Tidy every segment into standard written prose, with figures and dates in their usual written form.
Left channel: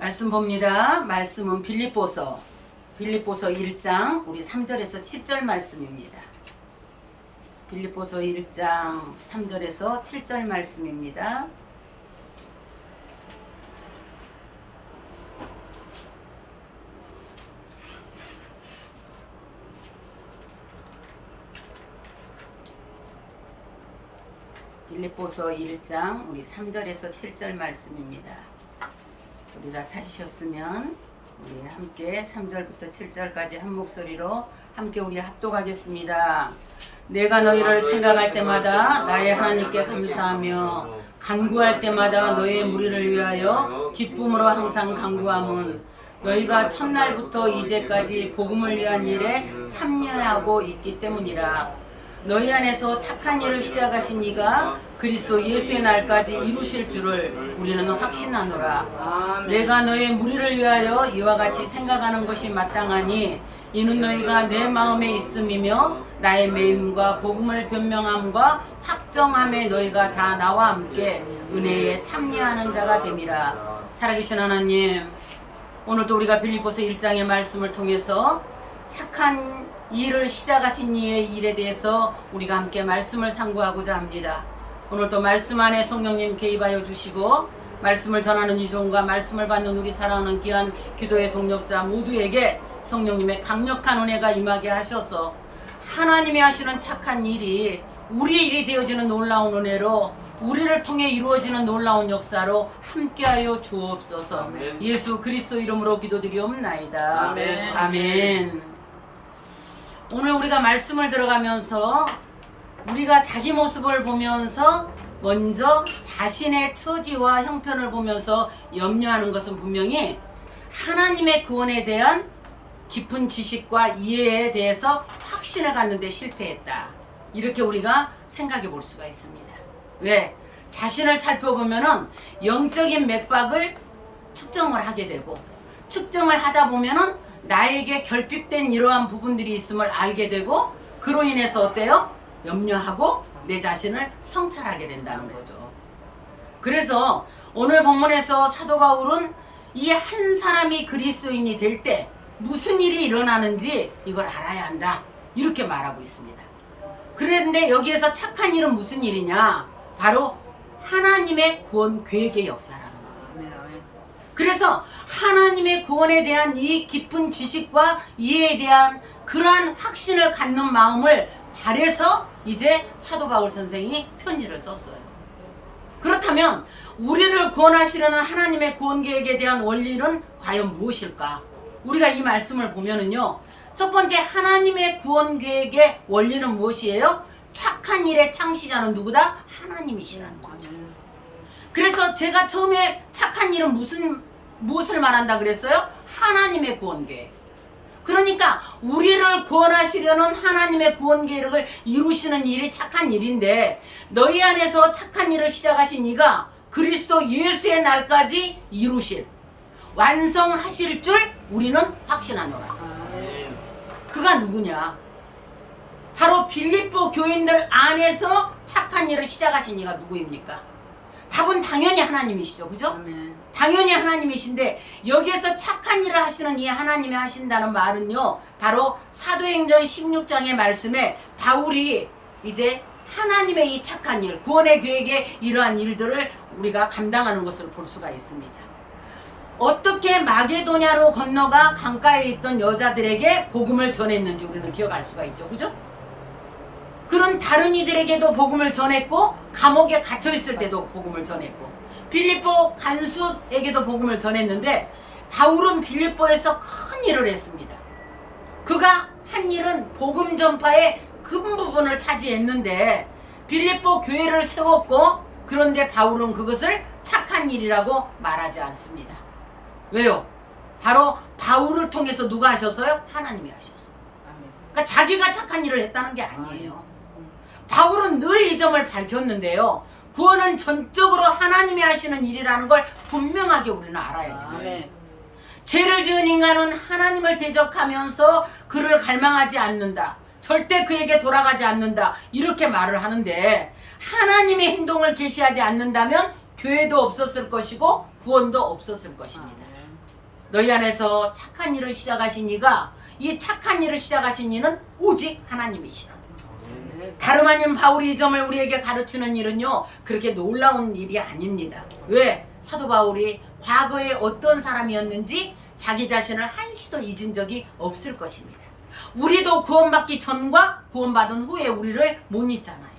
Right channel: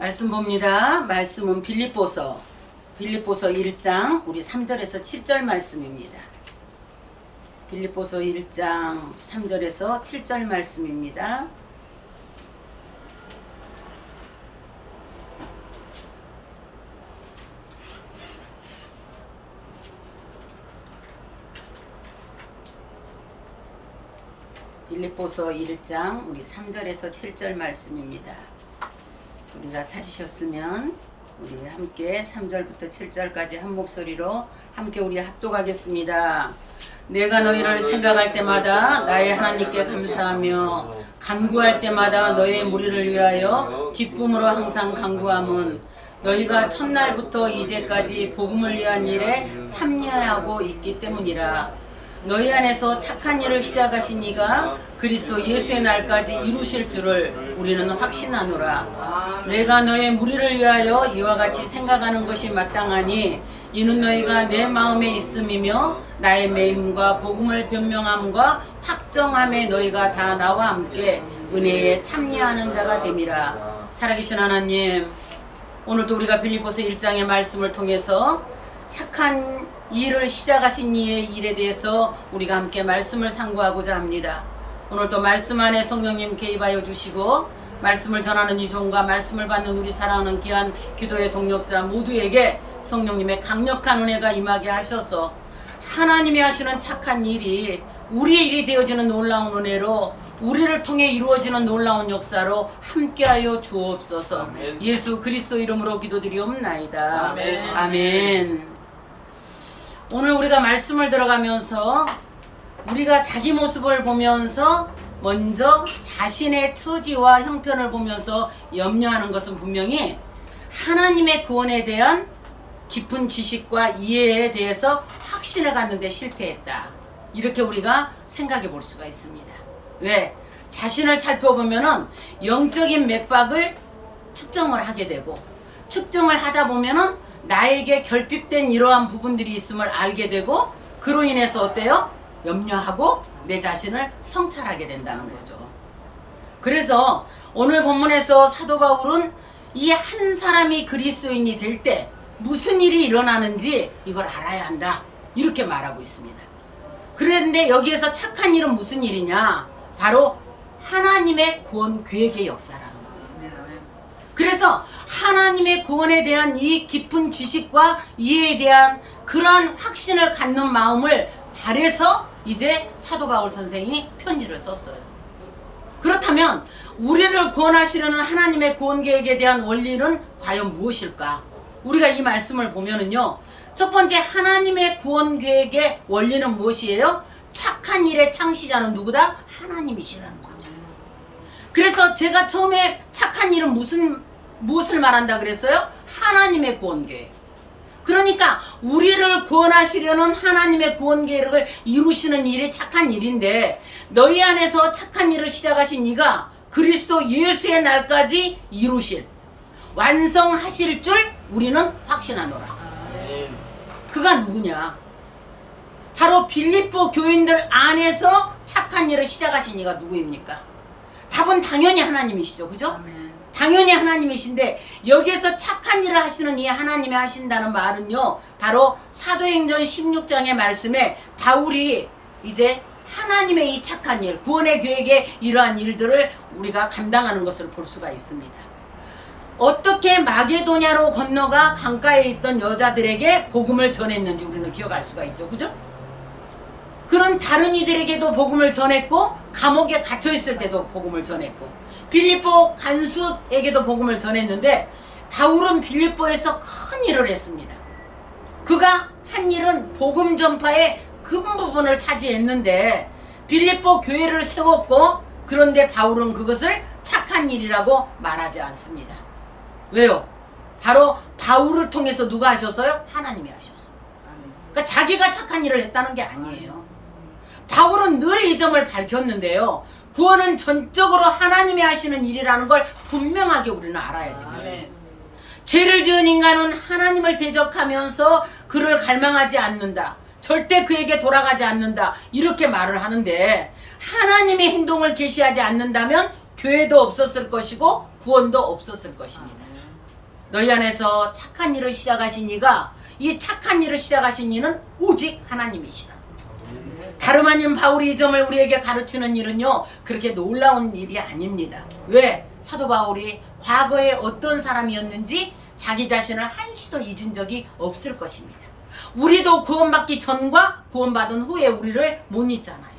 말씀 봅니다. 말씀은 빌립보서 1장 우리 3절에서 7절 말씀입니다. 빌립보서 1장 3절에서 7절 말씀입니다. 빌립보서 1장 우리 3절에서 7절 말씀입니다. 우리 다 찾으셨으면 우리 함께 3절부터 7절까지 한 목소리로 함께 우리 합독하겠습니다. 내가 너희를 생각할 때마다 나의 하나님께 감사하며 간구할 때마다 너희의 무리를 위하여 기쁨으로 항상 간구함은 너희가 첫날부터 이제까지 복음을 위한 일에 참여하고 있기 때문이라. 너희 안에서 착한 일을 시작하신 이가 그리스도 예수의 날까지 이루실 줄을 우리는 확신하노라. 내가 너의 무리를 위하여 이와 같이 생각하는 것이 마땅하니 이는 너희가 내 마음에 있음이며 나의 매임과 복음을 변명함과 확정함에 너희가 다 나와 함께 은혜에 참여하는 자가 됨이라. 살아계신 하나님, 오늘도 우리가 빌립보서 1장의 말씀을 통해서 착한 일을 시작하신 이의 일에 대해서 우리가 함께 말씀을 상고하고자 합니다. 오늘도 말씀 안에 성령님 개입하여 주시고 말씀을 전하는 이 종과 말씀을 받는 우리 사랑하는 귀한 기도의 동력자 모두에게 성령님의 강력한 은혜가 임하게 하셔서 하나님이 하시는 착한 일이 우리의 일이 되어지는 놀라운 은혜로 우리를 통해 이루어지는 놀라운 역사로 함께하여 주옵소서. 아멘. 예수 그리스도 이름으로 기도드리옵나이다. 아멘. 아멘. 오늘 우리가 말씀을 들어가면서 우리가 자기 모습을 보면서 먼저 자신의 처지와 형편을 보면서 염려하는 것은 분명히 하나님의 구원에 대한 깊은 지식과 이해에 대해서 확신을 갖는 데 실패했다. 이렇게 우리가 생각해 볼 수가 있습니다. 왜? 자신을 살펴보면은 영적인 맥박을 측정을 하게 되고 측정을 하다 보면은 나에게 결핍된 이러한 부분들이 있음을 알게 되고 그로 인해서 어때요? 염려하고 내 자신을 성찰하게 된다는 거죠. 그래서 오늘 본문에서 사도 바울은 이 한 사람이 그리스도인이 될 때 무슨 일이 일어나는지 이걸 알아야 한다. 이렇게 말하고 있습니다. 그런데 여기에서 착한 일은 무슨 일이냐? 바로 하나님의 구원 계획의 역사라는 거예요. 그래서 하나님의 구원에 대한 이 깊은 지식과 이해에 대한 그러한 확신을 갖는 마음을 바래서 이제 사도 바울 선생이 편지를 썼어요. 그렇다면 우리를 구원하시려는 하나님의 구원 계획에 대한 원리는 과연 무엇일까? 우리가 이 말씀을 보면은요, 첫 번째 하나님의 구원 계획의 원리는 무엇이에요? 착한 일의 창시자는 누구다? 하나님이시라는 거죠. 그래서 제가 처음에 착한 일은 무엇을 말한다 그랬어요? 하나님의 구원 계획. 그러니까 우리를 구원하시려는 하나님의 구원 계획을 이루시는 일이 착한 일인데 너희 안에서 착한 일을 시작하신 이가 그리스도 예수의 날까지 이루실 완성하실 줄 우리는 확신하노라. 그가 누구냐? 바로 빌립보 교인들 안에서 착한 일을 시작하신 이가 누구입니까? 답은 당연히 하나님이시죠. 그죠? 당연히 하나님이신데 여기에서 착한 일을 하시는 이 하나님이 하신다는 말은요, 바로 사도행전 16장의 말씀에 바울이 이제 하나님의 이 착한 일, 구원의 계획에 이러한 일들을 우리가 감당하는 것을 볼 수가 있습니다. 어떻게 마게도냐로 건너가 강가에 있던 여자들에게 복음을 전했는지 우리는 기억할 수가 있죠. 그죠? 그런 다른 이들에게도 복음을 전했고 감옥에 갇혀 있을 때도 복음을 전했고 빌립보 간수에게도 복음을 전했는데 바울은 빌립보에서 큰 일을 했습니다. 그가 한 일은 복음 전파의 큰 부분을 차지했는데 빌립보 교회를 세웠고 그런데 바울은 그것을 착한 일이라고 말하지 않습니다. 왜요? 바로 바울을 통해서 누가 하셨어요? 하나님이 하셨어요. 그러니까 자기가 착한 일을 했다는 게 아니에요. 바울은 늘 이 점을 밝혔는데요. 구원은 전적으로 하나님이 하시는 일이라는 걸 분명하게 우리는 알아야 됩니다. 죄를 지은 인간은 하나님을 대적하면서 그를 갈망하지 않는다. 절대 그에게 돌아가지 않는다. 이렇게 말을 하는데 하나님의 행동을 계시하지 않는다면 교회도 없었을 것이고 구원도 없었을 것입니다. 너희 안에서 착한 일을 시작하신 이가 이 착한 일을 시작하신 이는 오직 하나님이시라. 다름 아닌 바울이 이 점을 우리에게 가르치는 일은요, 그렇게 놀라운 일이 아닙니다. 왜? 사도 바울이 과거에 어떤 사람이었는지 자기 자신을 한시도 잊은 적이 없을 것입니다. 우리도 구원받기 전과 구원받은 후에 우리를 못 잊잖아요.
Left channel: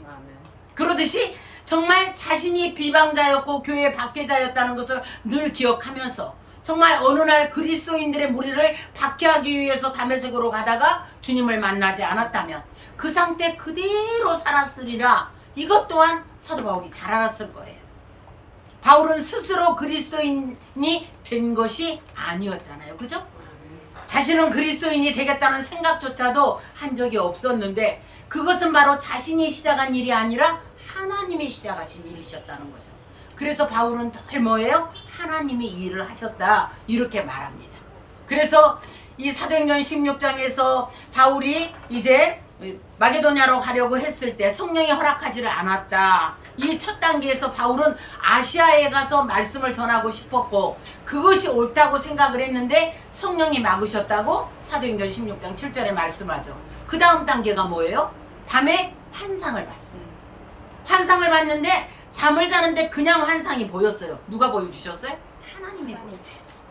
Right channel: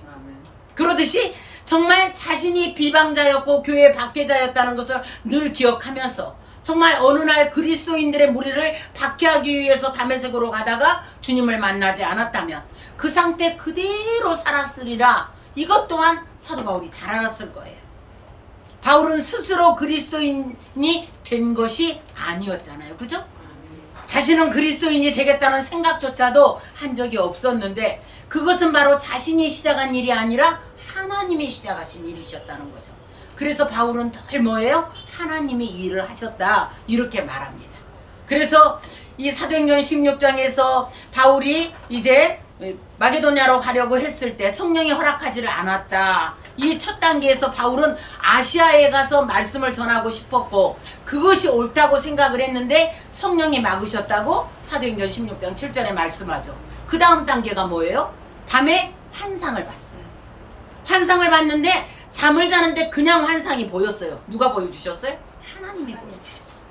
그러듯이 정말 자신이 비방자였고 교회 박해자였다는 것을 늘 기억하면서 정말 어느 날 그리스도인들의 무리를 박해하기 위해서 다메섹으로 가다가 주님을 만나지 않았다면 그 상태 그대로 살았으리라. 이것 또한 사도 바울이 잘 알았을 거예요. 바울은 스스로 그리스도인이 된 것이 아니었잖아요. 그죠? 자신은 그리스도인이 되겠다는 생각조차도 한 적이 없었는데 그것은 바로 자신이 시작한 일이 아니라 하나님이 시작하신 일이셨다는 거죠. 그래서 바울은 늘 뭐예요? 하나님이 이 일을 하셨다 이렇게 말합니다. 그래서 이 사도행전 16장에서 바울이 이제 마게도냐로 가려고 했을 때 성령이 허락하지를 않았다. 이 첫 단계에서 바울은 아시아에 가서 말씀을 전하고 싶었고 그것이 옳다고 생각을 했는데 성령이 막으셨다고 사도행전 16장 7절에 말씀하죠. 그 다음 단계가 뭐예요? 밤에 환상을 봤어요. 환상을 봤는데 잠을 자는데 그냥 환상이 보였어요. 누가 보여주셨어요? 하나님이 보여주셨어요.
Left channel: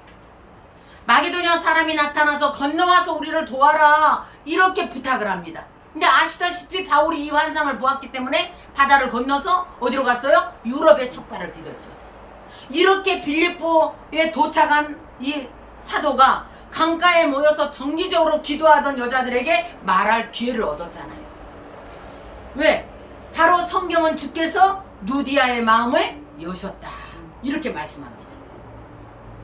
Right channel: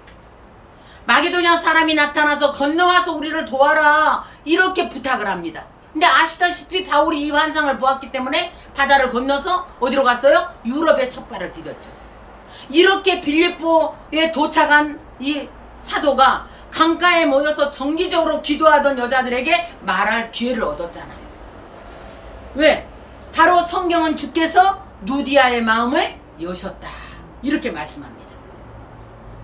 마게도냐 사람이 나타나서 건너와서 우리를 도와라 이렇게 부탁을 합니다. 근데 아시다시피 바울이 이 환상을 보았기 때문에 바다를 건너서 어디로 갔어요? 유럽에 첫 발을 디뎠죠. 이렇게 빌립보에 도착한 이 사도가 강가에 모여서 정기적으로 기도하던 여자들에게 말할 기회를 얻었잖아요. 왜? 바로 성경은 주께서 누디아의 마음을 여셨다 이렇게 말씀합니다.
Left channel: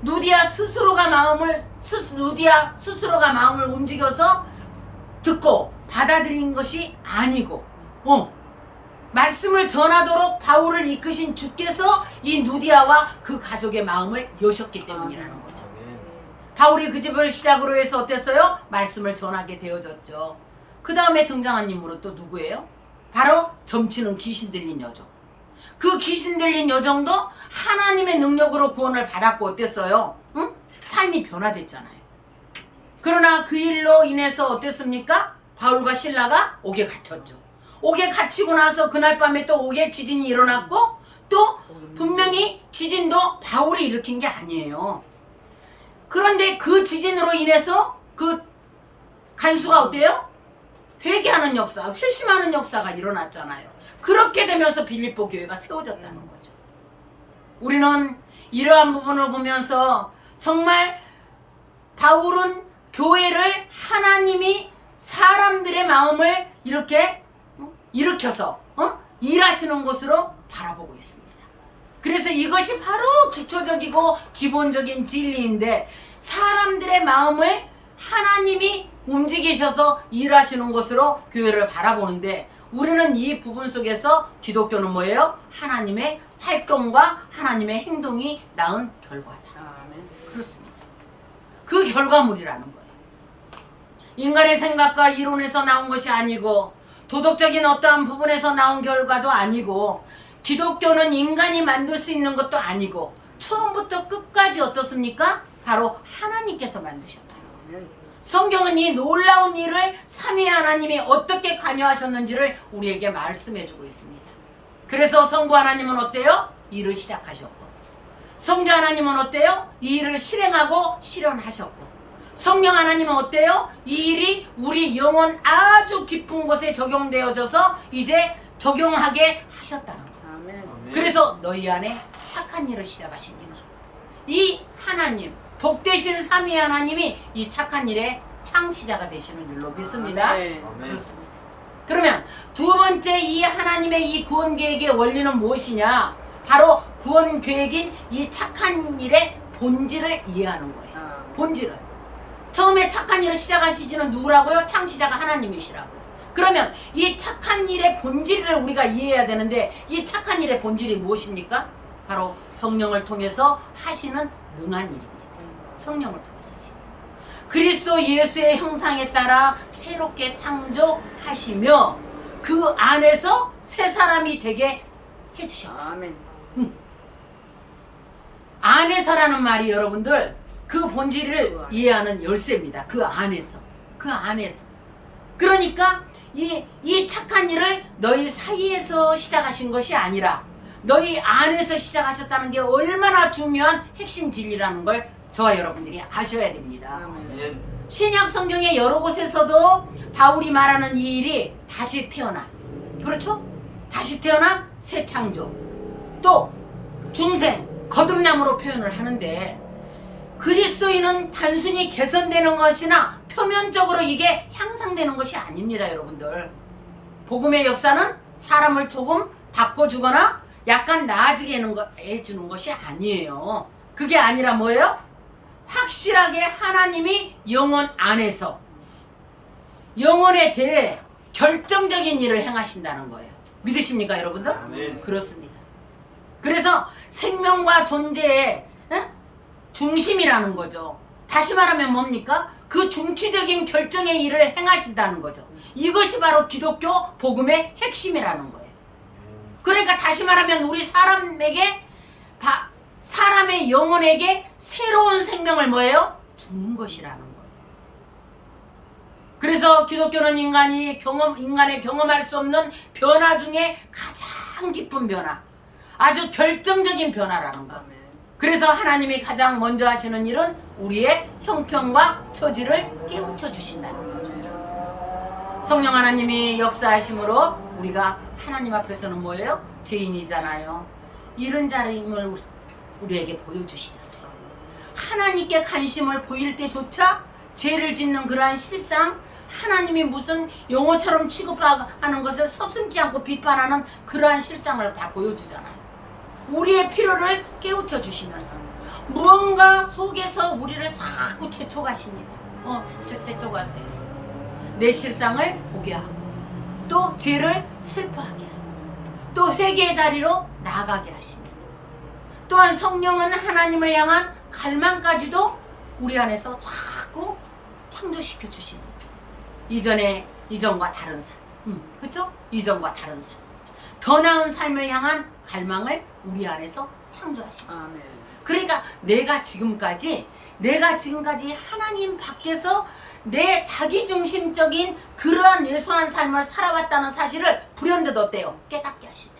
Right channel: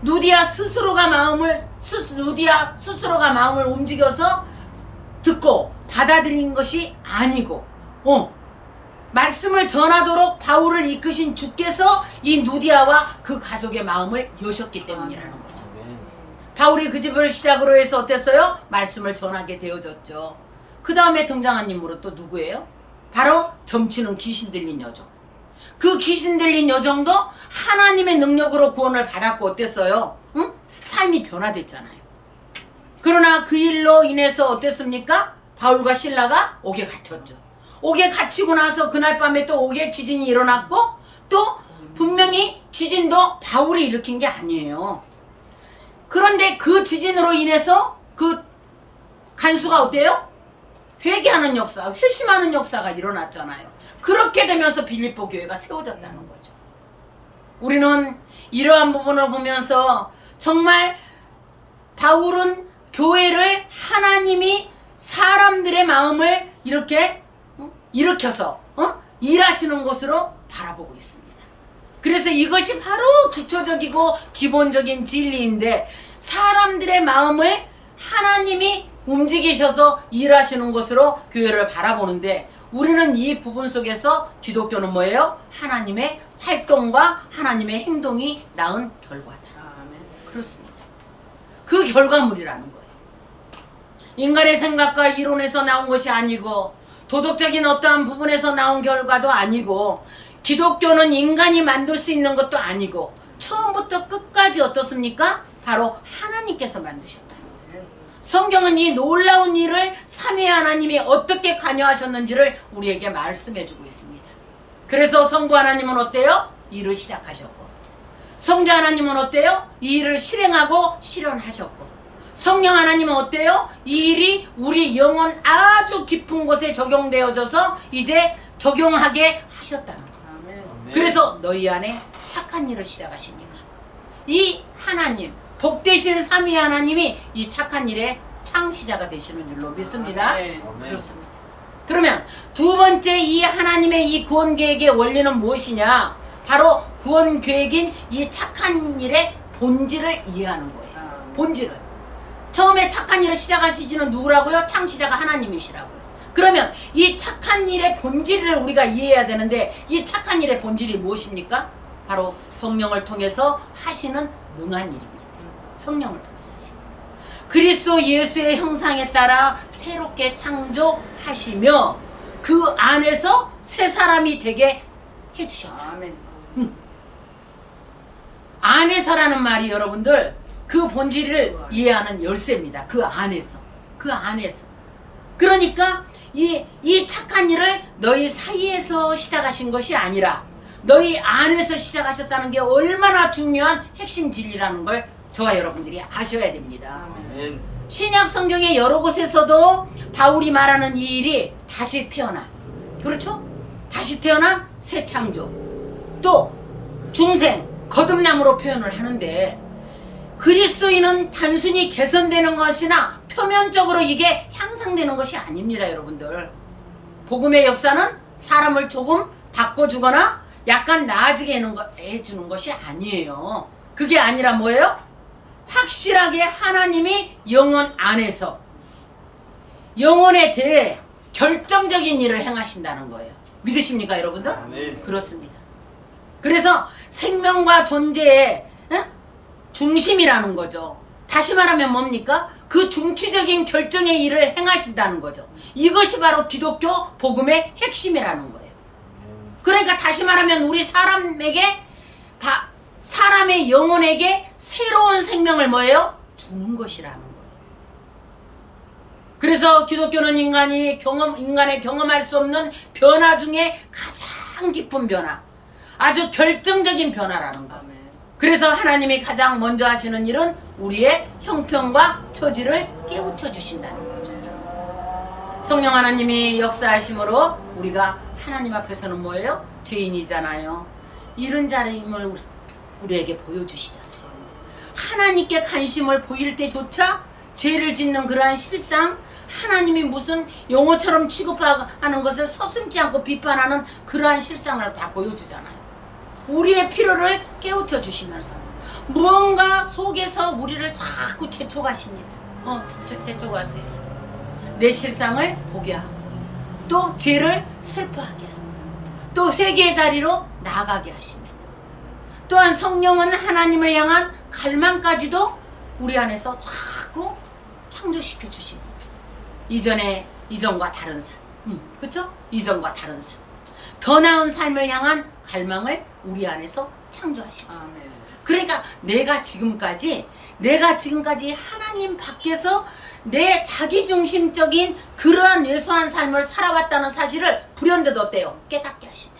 누디아 스스로가 마음을 움직여서 듣고 받아들인 것이 아니고 말씀을 전하도록 바울을 이끄신 주께서 이 누디아와 그 가족의 마음을 여셨기 때문이라는 거죠. 바울이 그 집을 시작으로 해서 어땠어요? 말씀을 전하게 되어졌죠. 그 다음에 등장한 인물은 또 누구예요? 바로 점치는 귀신 들린 여정. 그 귀신 들린 여정도 하나님의 능력으로 구원을 받았고 어땠어요? 응? 삶이 변화됐잖아요. 그러나 그 일로 인해서 어땠습니까? 바울과 실라가 옥에 갇혔죠. 옥에 갇히고 나서 그날 밤에 또 옥에 지진이 일어났고 또 분명히 지진도 바울이 일으킨 게 아니에요. 그런데 그 지진으로 인해서 그 간수가 어때요? 회개하는 역사, 회심하는 역사가 일어났잖아요. 그렇게 되면서 빌립보 교회가 세워졌다는 거죠. 우리는 이러한 부분을 보면서 정말 바울은 교회를 하나님이 사람들의 마음을 이렇게 일으켜서 일하시는 것으로 바라보고 있습니다. 그래서 이것이 바로 기초적이고 기본적인 진리인데 사람들의 마음을 하나님이 움직이셔서 일하시는 것으로 교회를 바라보는데 우리는 이 부분 속에서 기독교는 뭐예요? 하나님의 활동과 하나님의 행동이 낳은 결과다. 그렇습니다. 그 결과물이라는 거예요. 인간의 생각과 이론에서 나온 것이 아니고 도덕적인 어떠한 부분에서 나온 결과도 아니고 기독교는 인간이 만들 수 있는 것도 아니고 처음부터 끝까지 어떻습니까? 바로 하나님께서 만드셨다는 거예요. 성경은 이 놀라운 일을 삼위의 하나님이 어떻게 관여하셨는지를 우리에게 말씀해주고 있습니다. 그래서 성부 하나님은 어때요? 일을 시작하셨고 성자 하나님은 어때요? 이 일을 실행하고 실현하셨고 성령 하나님은 어때요? 이 일이 우리 영혼 아주 깊은 곳에 적용되어져서 이제 적용하게 하셨다는 거예요. 그래서 너희 안에 착한 일을 시작하시니까 이 하나님 복되신 삼위 하나님이 이 착한 일의 창시자가 되시는 줄로 믿습니다. 그렇습니다. 그러면 두 번째 이 하나님의 이 구원 계획의 원리는 무엇이냐? 바로 구원 계획인 이 착한 일의 본질을 이해하는 거예요. 본질을. 처음에 착한 일을 시작하시지는 누구라고요? 창시자가 하나님이시라고요. 그러면 이 착한 일의 본질을 우리가 이해해야 되는데 이 착한 일의 본질이 무엇입니까? 바로 성령을 통해서 하시는 능한 일입니다. 성령을 통해서 하시는 그리스도 예수의 형상에 따라 새롭게 창조하시며 그 안에서 새 사람이 되게 해주셨다. 안에서라는 말이 여러분들 그 본질을 이해하는 열쇠입니다. 그 안에서. 그러니까 이 착한 일을 너희 사이에서 시작하신 것이 아니라 너희 안에서 시작하셨다는 게 얼마나 중요한 핵심 진리라는 걸 저와 여러분들이 아셔야 됩니다. 신약 성경의 여러 곳에서도 바울이 말하는 이 일이 다시 태어남, 그렇죠? 다시 태어남, 새 창조, 또 중생, 거듭남으로 표현을 하는데, 그리스도인은 단순히 개선되는 것이나 표면적으로 이게 향상되는 것이 아닙니다, 여러분들. 복음의 역사는 사람을 조금 바꿔주거나 약간 나아지게 해주는 것이 아니에요. 그게 아니라 뭐예요? 확실하게 하나님이 영혼 안에서 영혼에 대해 결정적인 일을 행하신다는 거예요. 믿으십니까, 여러분들? 네. 그렇습니다. 그래서 생명과 존재의 중심이라는 거죠. 다시 말하면 뭡니까? 그 중추적인 결정의 일을 행하신다는 거죠. 이것이 바로 기독교 복음의 핵심이라는 거예요. 그러니까 다시 말하면 우리 사람의 영혼에게 새로운 생명을 뭐예요? 주는 것이라는 거예요. 그래서 기독교는 인간의 경험할 수 없는 변화 중에 가장 깊은 변화, 아주 결정적인 변화라는 거. 그래서 하나님이 가장 먼저 하시는 일은 우리의 형편과 처지를 깨우쳐 주신다는 거죠. 성령 하나님이 역사하심으로 우리가 하나님 앞에서는 뭐예요? 죄인이잖아요. 이런 자임을 우리에게 보여주시잖아요. 하나님께 관심을 보일 때조차 죄를 짓는 그러한 실상, 하나님이 무슨 용어처럼 취급하는 것을 서슴지 않고 비판하는 그러한 실상을 다 보여주잖아요. 우리의 필요를 깨우쳐 주시면서 무언가 속에서 우리를 자꾸 재촉하십니다. 재촉하세요. 내 실상을 보게 하고, 또 죄를 슬퍼하게 하고, 또 회개의 자리로 나가게 하십니다. 또한 성령은 하나님을 향한 갈망까지도 우리 안에서 자꾸 창조시켜 주십니다. 이전과 다른 삶, 그렇죠? 이전과 다른 삶, 더 나은 삶을 향한 갈망을 우리 안에서 창조하십니다. 그러니까 내가 지금까지 하나님 밖에서 내 자기중심적인 그러한 예수한 삶을 살아왔다는 사실을 불현듯 어때요? 깨닫게 하신다.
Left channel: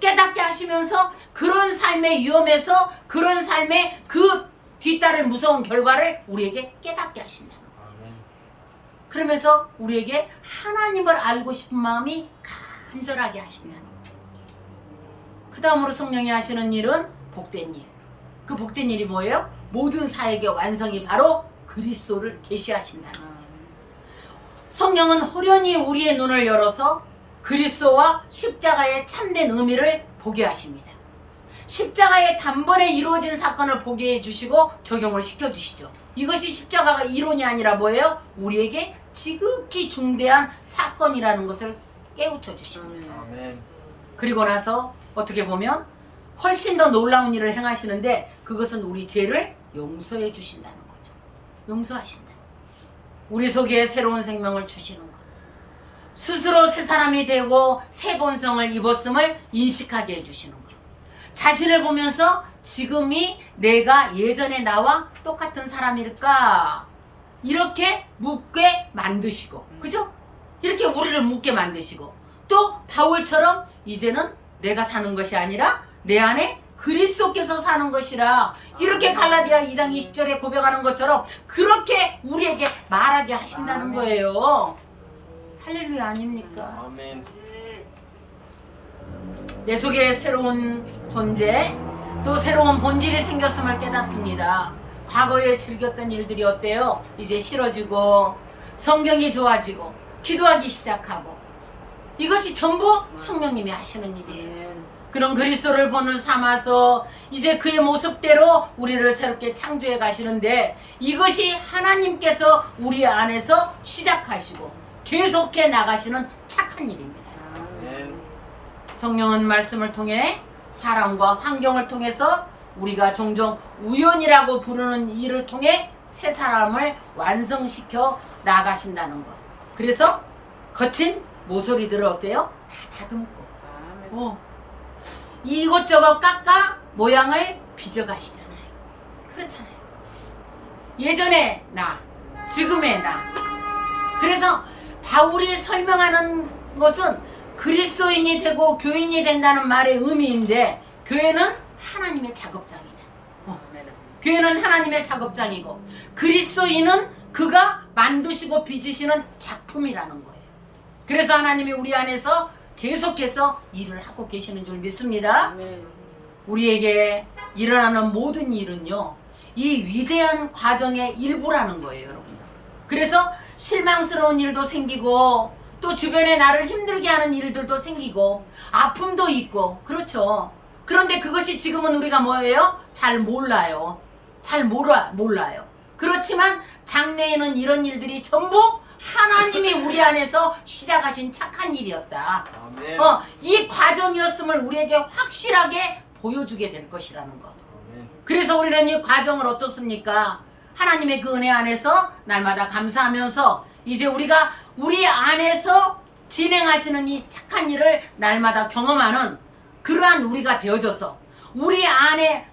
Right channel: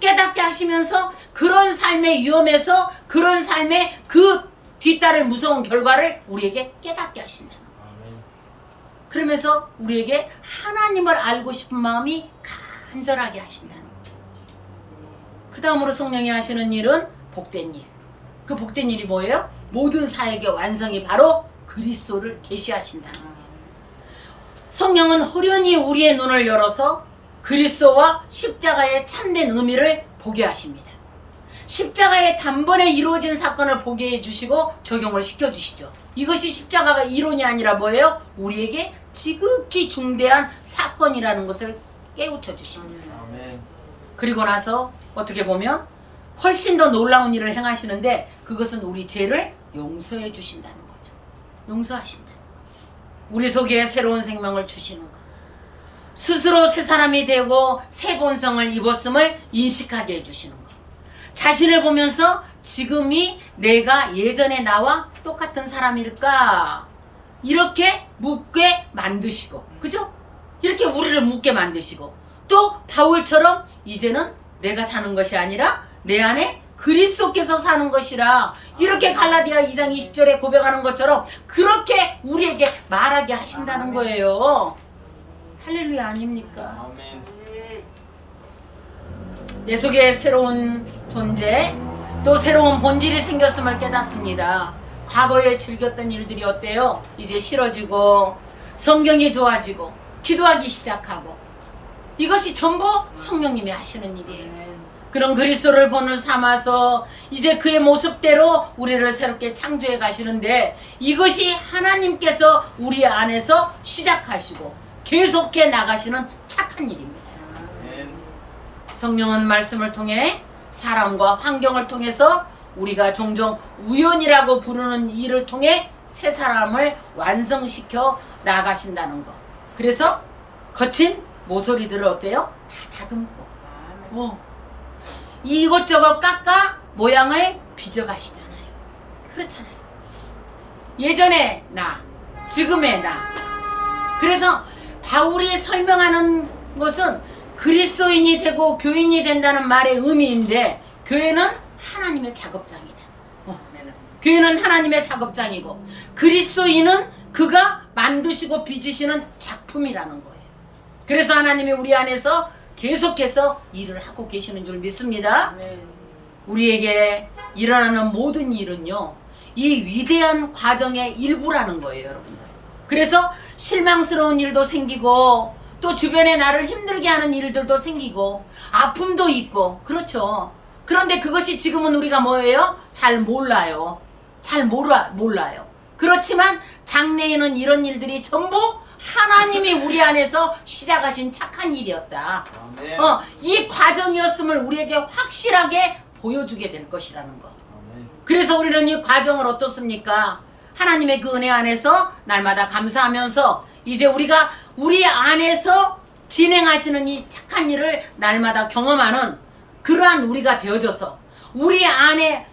깨닫게 하시면서 그런 삶의 위험에서, 그런 삶의 그 뒤따를 무서운 결과를 우리에게 깨닫게 하신다는 거예요. 그러면서 우리에게 하나님을 알고 싶은 마음이 간절하게 하신다는 거예요. 그 다음으로 성령이 하시는 일은 복된 일. 그 복된 일이 뭐예요? 모든 사역의 완성이 바로 그리스도를 계시하신다는 거예요. 성령은 호련히 우리의 눈을 열어서 그리스도와 십자가의 참된 의미를 보게 하십니다. 십자가의 단번에 이루어진 사건을 보게 해주시고 적용을 시켜주시죠. 이것이 십자가가 이론이 아니라 뭐예요? 우리에게 지극히 중대한 사건이라는 것을 깨우쳐 주십니다. 그리고 나서 어떻게 보면 훨씬 더 놀라운 일을 행하시는데, 그것은 우리 죄를 용서해 주신다는 거죠. 용서하신다. 우리 속에 새로운 생명을 주시는 것. 스스로 새 사람이 되고 새 본성을 입었음을 인식하게 해주시는 것. 자신을 보면서 지금이 내가 예전의 나와 똑같은 사람일까? 이렇게 묻게 만드시고, 그죠? 이렇게 우리를 묻게 만드시고, 또 바울처럼 이제는 내가 사는 것이 아니라 내 안에 그리스도께서 사는 것이라, 이렇게 갈라디아 2장 20절에 고백하는 것처럼 그렇게 우리에게 말하게 하신다는 거예요. 할렐루야 아닙니까? 내 속에 새로운 존재, 또 새로운 본질이 생겼음을 깨닫습니다. 과거에 즐겼던 일들이 어때요? 이제 싫어지고, 성경이 좋아지고, 기도하기 시작하고, 이것이 전부 성령님이 하시는 일이에요. 그런 그리스도를 본을 삼아서 이제 그의 모습대로 우리를 새롭게 창조해 가시는데, 이것이 하나님께서 우리 안에서 시작하시고 계속해 나가시는 착한 일입니다. 성령은 말씀을 통해, 사람과 환경을 통해서, 우리가 종종 우연이라고 부르는 일을 통해 새 사람을 완성시켜 나가신다는 것. 그래서 거친 모서리들을 어때요? 다 다듬고 이것저것 깎아 모양을 빚어가시잖아요. 그렇잖아요. 예전의 나, 지금의 나. 그래서 바울이 설명하는 것은 그리스도인이 되고 교인이 된다는 말의 의미인데, 교회는 하나님의 작업장이다. 교회는 하나님의 작업장이고, 그리스도인은 그가 만드시고 빚으시는 작품이라는 거예요. 그래서 하나님이 우리 안에서 계속해서 일을 하고 계시는 줄 믿습니다. 우리에게 일어나는 모든 일은요, 이 위대한 과정의 일부라는 거예요, 여러분들. 그래서 실망스러운 일도 생기고, 또 주변에 나를 힘들게 하는 일들도 생기고, 아픔도 있고, 그렇죠. 그런데 그것이 지금은 우리가 뭐예요? 잘 몰라요. 잘 몰라요. 그렇지만 장래에는 이런 일들이 전부 하나님이 우리 안에서 시작하신 착한 일이었다. 이 과정이었음을 우리에게 확실하게 보여주게 될 것이라는 거. 그래서 우리는 이 과정을 어떻습니까? 하나님의 그 은혜 안에서 날마다 감사하면서 이제 우리가 우리 안에서 진행하시는 이 착한 일을 날마다 경험하는 그러한 우리가 되어져서 우리 안에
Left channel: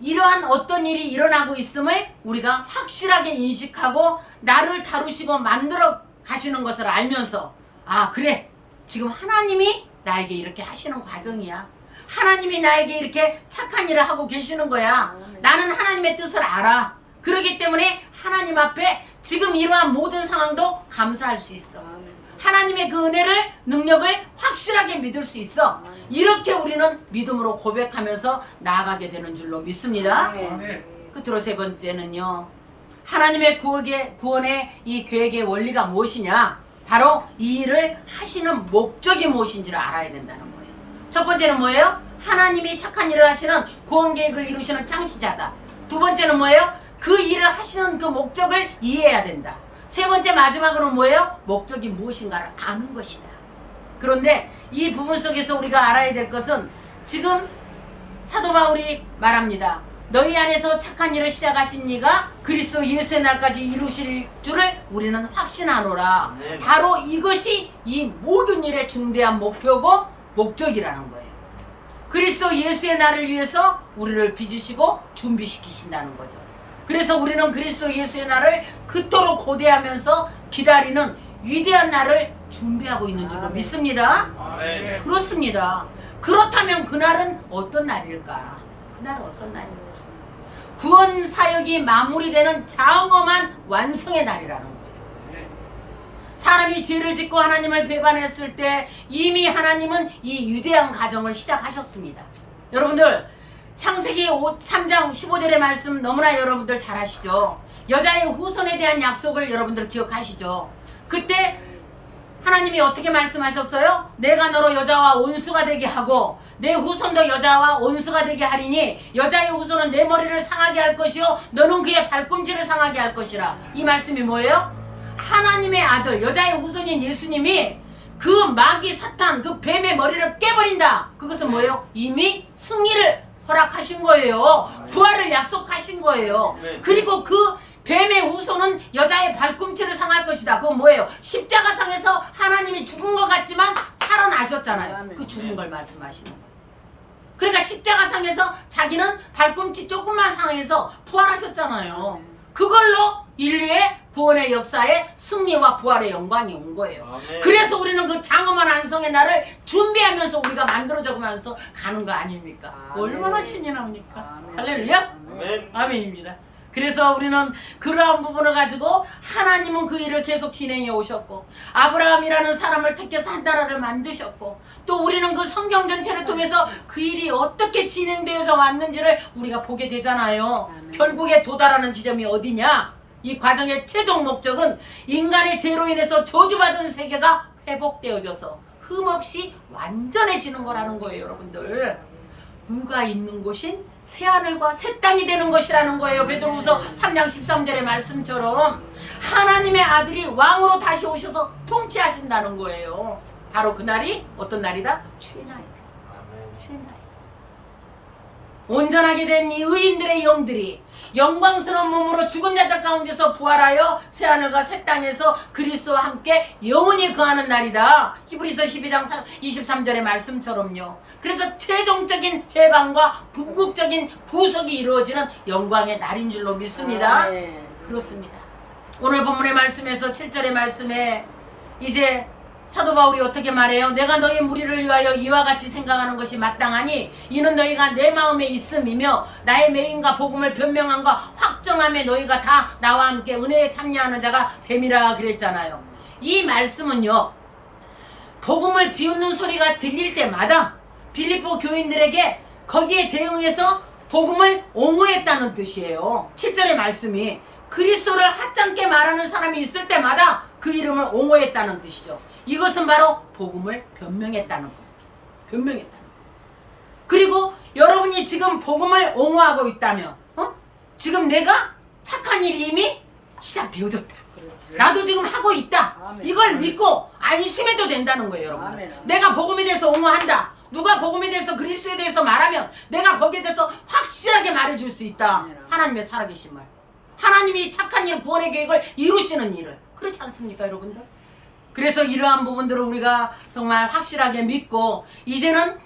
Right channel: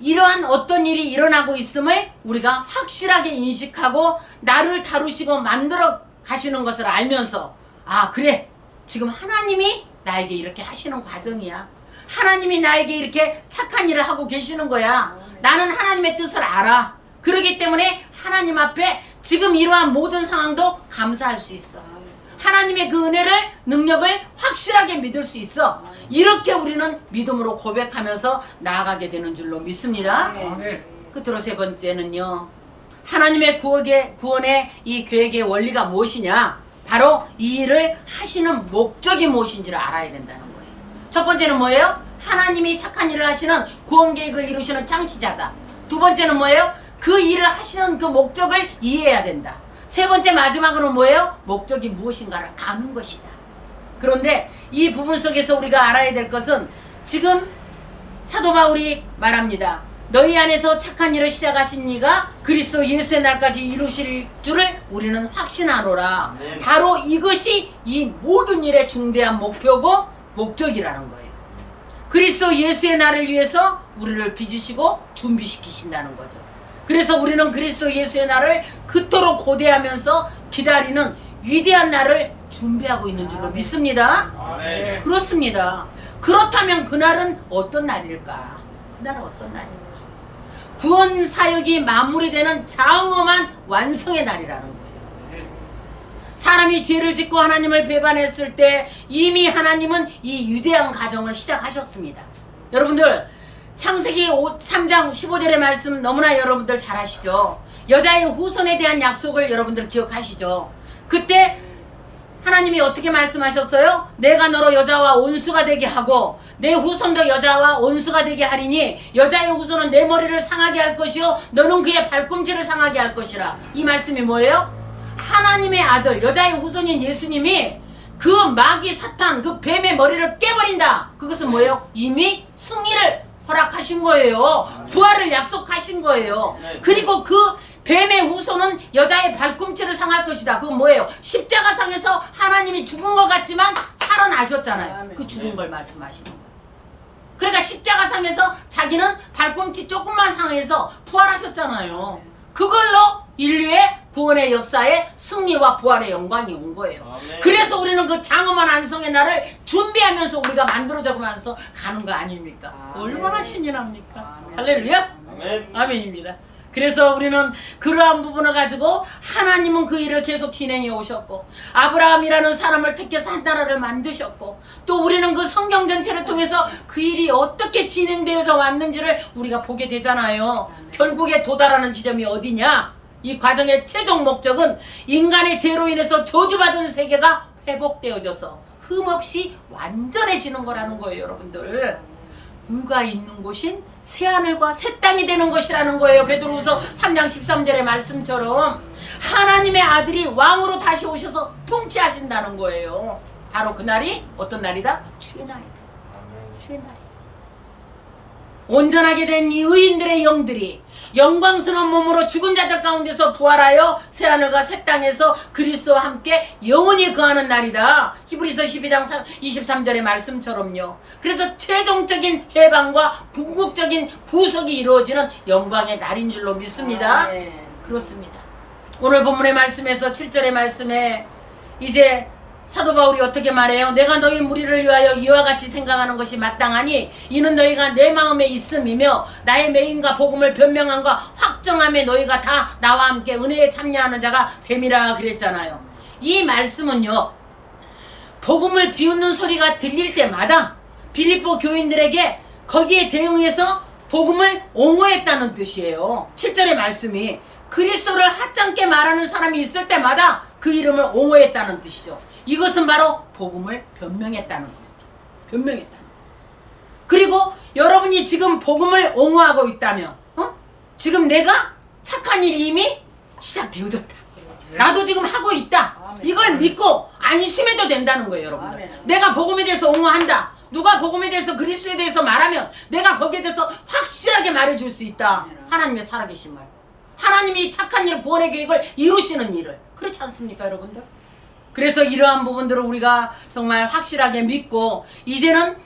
이러한 어떤 일이 일어나고 있음을 우리가 확실하게 인식하고 나를 다루시고 만들어 가시는 것을 알면서, 아, 그래, 지금 하나님이 나에게 이렇게 하시는 과정이야. 하나님이 나에게 이렇게 착한 일을 하고 계시는 거야. 나는 하나님의 뜻을 알아. 그렇기 때문에 하나님 앞에 지금 이러한 모든 상황도 감사할 수 있어. 하나님의 그 은혜를, 능력을 확실하게 믿을 수 있어. 이렇게 우리는 믿음으로 고백하면서 나아가게 되는 줄로 믿습니다. 끝으로 세 번째는요, 하나님의 구원의 이 계획의 원리가 무엇이냐? 바로 이 일을 하시는 목적이 무엇인지를 알아야 된다는 거예요. 첫 번째는 뭐예요? 하나님이 착한 일을 하시는 구원 계획을 이루시는 창시자다. 두 번째는 뭐예요? 그 일을 하시는 그 목적을 이해해야 된다. 세 번째 마지막으로 뭐예요? 목적이 무엇인가를 아는 것이다. 그런데 이 부분 속에서 우리가 알아야 될 것은 지금 사도 바울이 말합니다. 너희 안에서 착한 일을 시작하신 이가 그리스도 예수의 날까지 이루실 줄을 우리는 확신하노라. 바로 이것이 이 모든 일의 중대한 목표고 목적이라는 거예요. 그리스도 예수의 날을 위해서 우리를 빚으시고 준비시키신다는 거죠. 그래서 우리는 그리스도 예수의 날을 그토록 고대하면서 기다리는 위대한 날을 준비하고 있는 줄로 믿습니다. 그렇습니다. 그렇다면 그날은 어떤 날일까? 그날은 어떤 날일까? 구원 사역이 마무리되는 장엄한 완성의 날이라는 거예요. 사람이 죄를 짓고 하나님을 배반했을 때 이미 하나님은 이 위대한 과정을 시작하셨습니다. 여러분들, 창세기 3장 15절의 말씀 너무나 여러분들 잘 아시죠? 여자의 후손에 대한 약속을 여러분들 기억하시죠? 그때 하나님이 어떻게 말씀하셨어요? 내가 너로 여자와 온수가 되게 하고 내 후손도 여자와 온수가 되게 하리니 여자의 후손은 내 머리를 상하게 할 것이요 너는 그의 발꿈치를 상하게 할 것이라. 이 말씀이 뭐예요? 하나님의 아들, 여자의 후손인 예수님이 그 마귀 사탄, 그 뱀의 머리를 깨버린다. 그것은 뭐예요? 이미 승리를 허락하신 거예요. 부활을 약속하신 거예요. 그리고 그 뱀의 후손은 여자의 발꿈치를 상할 것이다. 그건 뭐예요? 십자가상에서 하나님이 죽은 것 같지만 살아나셨잖아요. 그 죽은 걸 말씀하시는 거예요. 그러니까 십자가상에서 자기는 발꿈치 조금만 상해서 부활하셨잖아요. 그걸로 인류의 구원의 역사에 승리와 부활의 영광이 온 거예요. 그래서 우리는 그 장엄한 안성의 날을 준비하면서 우리가 만들어져가면서 가는 거 아닙니까? 얼마나 신이 납니까? 할렐루야? 아멘입니다. 그래서 우리는 그러한 부분을 가지고 하나님은 그 일을 계속 진행해 오셨고 아브라함이라는 사람을 택해서 한 나라를 만드셨고 또 우리는 그 성경 전체를 통해서 그 일이 어떻게 진행되어져 왔는지를 우리가 보게 되잖아요. 결국에 도달하는 지점이 어디냐? 이 과정의 최종 목적은 인간의 죄로 인해서 저주받은 세계가 회복되어져서 흠없이 완전해지는 거라는 거예요. 여러분들, 의가 있는 곳인 새하늘과 새 땅이 되는 것이라는 거예요. 베드로후서 3장 13절의 말씀처럼 하나님의 아들이 왕으로 다시 오셔서 통치하신다는 거예요. 바로 그날이 어떤 날이다? 주의 날이다. 주의 날이다. 온전하게 된 이 의인들의 영들이 영광스러운 몸으로 죽은 자들 가운데서 부활하여 새하늘과 새 땅에서 그리스도와 함께 영원히 거하는 날이다. 히브리서 12장 23절의 말씀처럼요. 그래서 최종적인 해방과 궁극적인 구속이 이루어지는 영광의 날인 줄로 믿습니다. 그렇습니다. 오늘 본문의 말씀에서 7절의 말씀에 이제 사도 바울이 어떻게 말해요? 내가 너희 무리를 위하여 이와 같이 생각하는 것이 마땅하니 이는 너희가 내 마음에 있음이며 나의 매임과 복음을 변명함과 확정함에 너희가 다 나와 함께 은혜에 참여하는 자가 됨이라 그랬잖아요. 이 말씀은요, 복음을 비웃는 소리가 들릴 때마다 빌립보 교인들에게 거기에 대응해서 복음을 옹호했다는 뜻이에요. 7절의 말씀이 그리스도를 하찮게 말하는 사람이 있을 때마다 그 이름을 옹호했다는 뜻이죠. 이것은 바로 복음을 변명했다는 거죠. 변명했다는 거. 그리고 여러분이 지금 복음을 옹호하고 있다면 지금 내가 착한 일이 이미 시작되어졌다. 나도 지금 하고 있다. 이걸 믿고 안심해도 된다는 거예요, 여러분들. 내가 복음에 대해서 옹호한다. 누가 복음에 대해서 그리스도에 대해서 말하면 내가 거기에 대해서 확실하게 말해줄 수 있다. 하나님의 살아계신 말. 하나님이 착한 일, 구원의 계획을 이루시는 일을. 그렇지 않습니까, 여러분들? 그래서 이러한 부분들을 우리가 정말 확실하게 믿고 이제는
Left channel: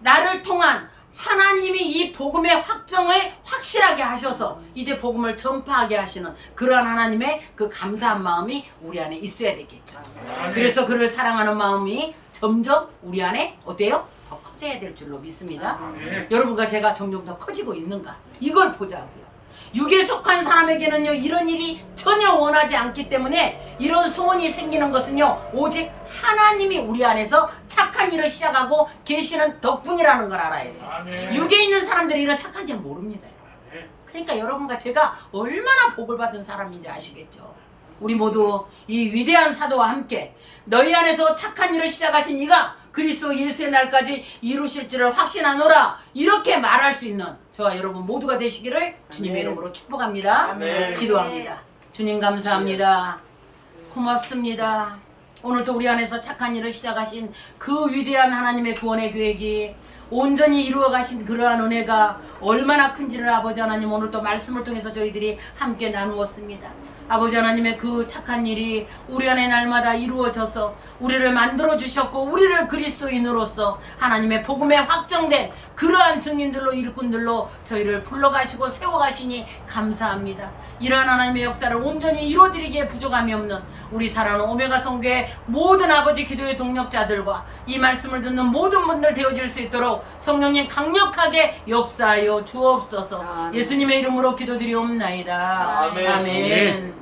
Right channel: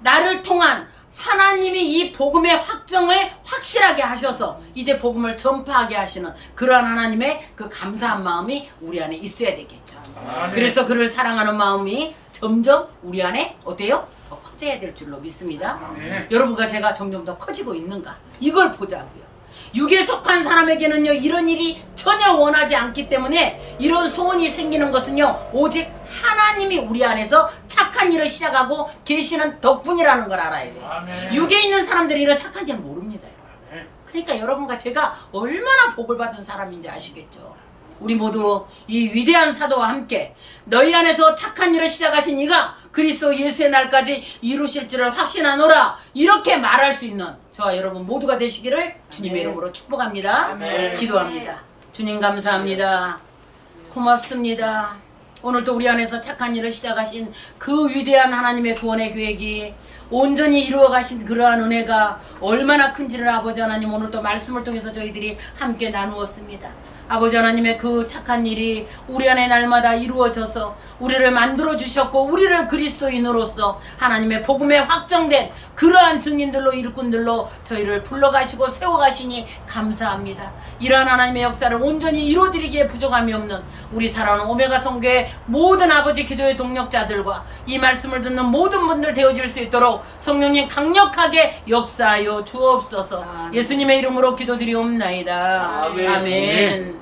나를 통한 하나님이 이 복음의 확정을 확실하게 하셔서 이제 복음을 전파하게 하시는 그러한 하나님의 그 감사한 마음이 우리 안에 있어야 되겠죠. 그래서 그를 사랑하는 마음이 점점 우리 안에 어때요? 더 커져야 될 줄로 믿습니다. 여러분과 제가 점점 더 커지고 있는가? 이걸 보자고요. 육에 속한 사람에게는요, 이런 일이 전혀 원하지 않기 때문에 이런 소원이 생기는 것은요, 오직 하나님이 우리 안에서 착한 일을 시작하고 계시는 덕분이라는 걸 알아야 돼요. 육에 있는 사람들이 이런 착한 일을 모릅니다. 그러니까 여러분과 제가 얼마나 복을 받은 사람인지 아시겠죠. 우리 모두 이 위대한 사도와 함께 너희 안에서 착한 일을 시작하신 이가 그리스도 예수의 날까지 이루실 줄을 확신하노라, 이렇게 말할 수 있는 저와 여러분 모두가 되시기를 주님의 이름으로 축복합니다. 기도합니다. 주님 감사합니다. 고맙습니다. 오늘도 우리 안에서 착한 일을 시작하신 그 위대한 하나님의 구원의 계획이 온전히 이루어 가신 그러한 은혜가 얼마나 큰지를 아버지 하나님 오늘도 말씀을 통해서 저희들이 함께 나누었습니다. 아버지 하나님의 그 착한 일이 우리 안에 날마다 이루어져서 우리를 만들어 주셨고 우리를 그리스도인으로서 하나님의 복음에 확정된 그러한 증인들로 일꾼들로 저희를 불러가시고 세워가시니 감사합니다. 이러한 하나님의 역사를 온전히 이루어드리기에 부족함이 없는 우리 사랑하는 오메가 성교의 모든 아버지 기도의 동력자들과 이 말씀을 듣는 모든 분들 되어질 수 있도록 성령님 강력하게 역사하여 주옵소서. 예수님의 이름으로 기도드리옵나이다. 아멘.